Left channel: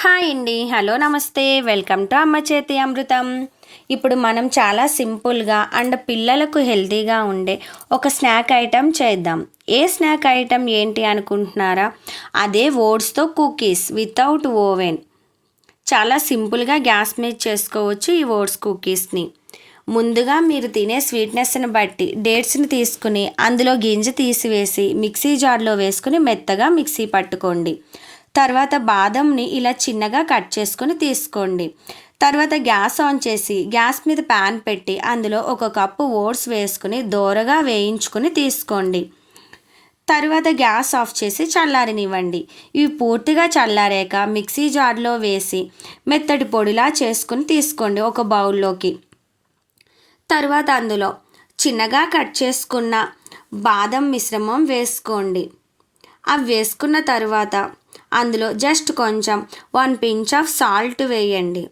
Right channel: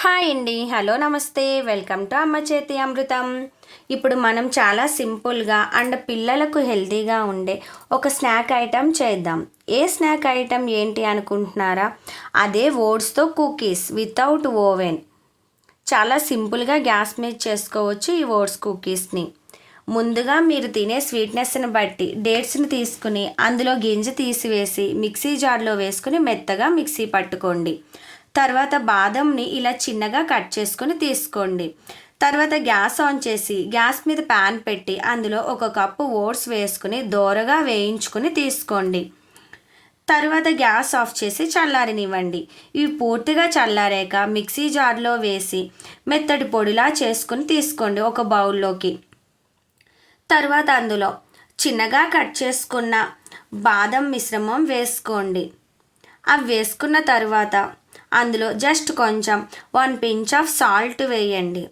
Hi అండి. Hello నమస్తే. Welcome to అమ్మ చేతి అమృతం. ఇప్పుడు మనం చాలా సింపుల్గా అండ్ పిల్లలకు హెల్తీగా ఉండే ఒక స్నాక్ ఐటెం చేద్దాం. ఏ స్నాక్ ఐటెం ఏంటి అనుకుంటున్నారా? అదే ఓట్స్తో కుకీస్ వితౌట్ ఓవెన్. చాలా సింపుల్గా గ్యాస్ మీద చేసుకోవచ్చు ఈ ఓట్స్ కుకీస్ని. ముందుగా మీరు తినే స్వీట్నెస్ని బట్టి డేట్స్ని తీసుకుని అందులో గింజ తీసివేసి మిక్సీ జార్లో వేసుకుని మెత్తగా మిక్సీ పట్టుకోండి. తర్వాత బాదంని ఇలా చిన్నగా కట్ చేసుకొని తీసుకోండి. తర్వాత గ్యాస్ ఆన్ చేసి గ్యాస్ మీద ప్యాన్ పెట్టి అందులో ఒక కప్పు ఓట్స్ వేసుకుని దోరగా వేయించుకుని తీసుకోండి. తర్వాత గ్యాస్ ఆఫ్ చేసి చల్లారనివ్వండి. ఇవి పూర్తిగా చల్లారాక మిక్సీ జార్లో వేసి మెత్తటి పొడిలా చేసుకుని తీసుకోండి ఒక బౌల్లోకి. తర్వాత అందులో చిన్నగా కట్ చేసుకున్న బాదం మిశ్రమం వేసుకోండి. అవి వేసుకున్న తర్వాత అందులో జస్ట్ కొంచెం వన్ పించ్ ఆఫ్ సాల్ట్ వేయండి.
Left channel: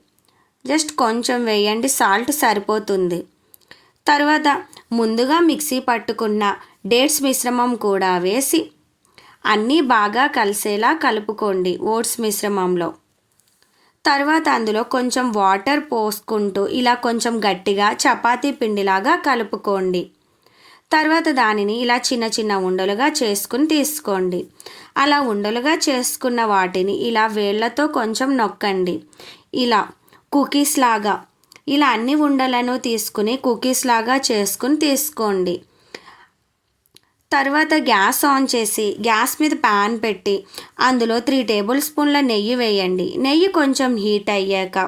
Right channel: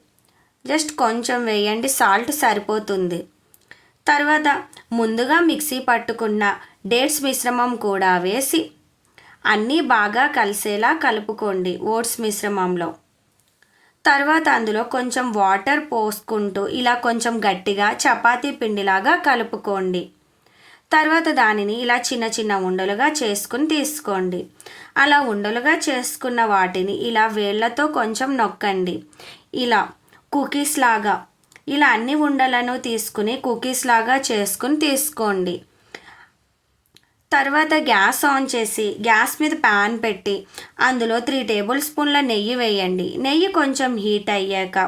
జస్ట్ కొంచెం వేయండి సాల్ట్ సరిపోతుంది. తర్వాత ముందుగా మిక్సీ పట్టుకున్న డేట్స్ మిశ్రమం కూడా వేసి అన్నీ బాగా కలిసేలా కలుపుకోండి ఓట్స్ మిశ్రమంలో. తర్వాత అందులో కొంచెం వాటర్ పోసుకుంటూ ఇలా కొంచెం గట్టిగా చపాతీ పిండిలాగా కలుపుకోండి. తర్వాత దానిని ఇలా చిన్న చిన్న ఉండలుగా చేసుకుని తీసుకోండి. అలా ఉండలుగా చేసుకున్న వాటిని ఇలా వేళ్ళతో కొంచెం నొక్కండి. ఇలా కుకీస్ లాగా ఇలా అన్ని ఉండలను తీసుకుని కుకీస్ లాగా చేసుకుని తీసుకోండి. తర్వాత గ్యాస్ ఆన్ చేసి గ్యాస్ మీద ప్యాన్ పెట్టి అందులో త్రీ టేబుల్ స్పూన్ల నెయ్యి వేయండి. నెయ్యి కొంచెం హీట్ అయ్యాక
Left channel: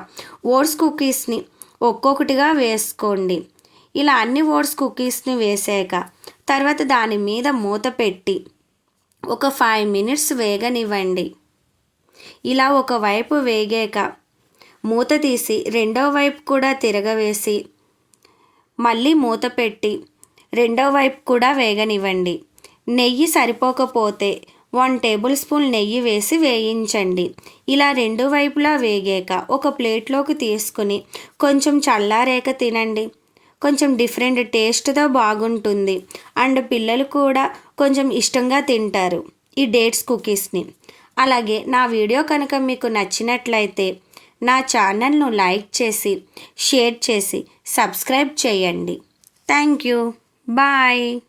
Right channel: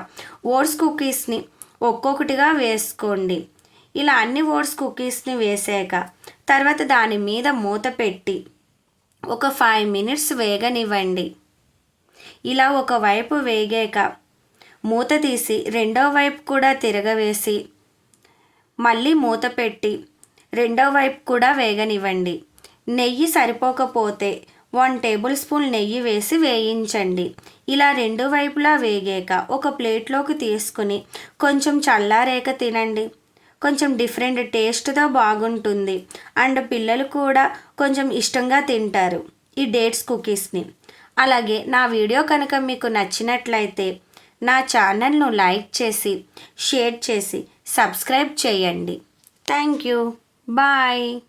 ఓట్స్ కుకీస్ని ఒక్కొక్కటిగా వేసుకోండి. ఇలా అన్ని ఓట్స్ కుకీస్ని వేసాక తర్వాత దాని మీద మూత పెట్టి ఒక ఫైవ్ మినిట్స్ వేగనివ్వండి. ఇలా ఒకవైపు వేగాక మూత తీసి రెండో వైపు కూడా తిరగవేసి మళ్ళీ మూత పెట్టి రెండో వైపు కూడా వేగనివ్వండి. నెయ్యి సరిపోకపోతే వన్ టేబుల్ స్పూన్ నెయ్యి వేసి వేయించండి. ఇలా రెండు వైపులా వేగాక ఒక ప్లేట్లోకి తీసుకుని కొంచెం చల్లారేక తినండి. కొంచెం డిఫరెంట్ టేస్ట్తో బాగుంటుంది. అండ్ పిల్లలు కూడా కొంచెం ఇష్టంగా తింటారు ఈ డేట్స్ కుకీస్ని. అలాగే నా వీడియో కనుక మీకు నచ్చినట్లయితే నా ఛానల్ను లైక్ చేసి షేర్ చేసి సబ్స్క్రైబ్ చేయండి. Thank you. బాయ్.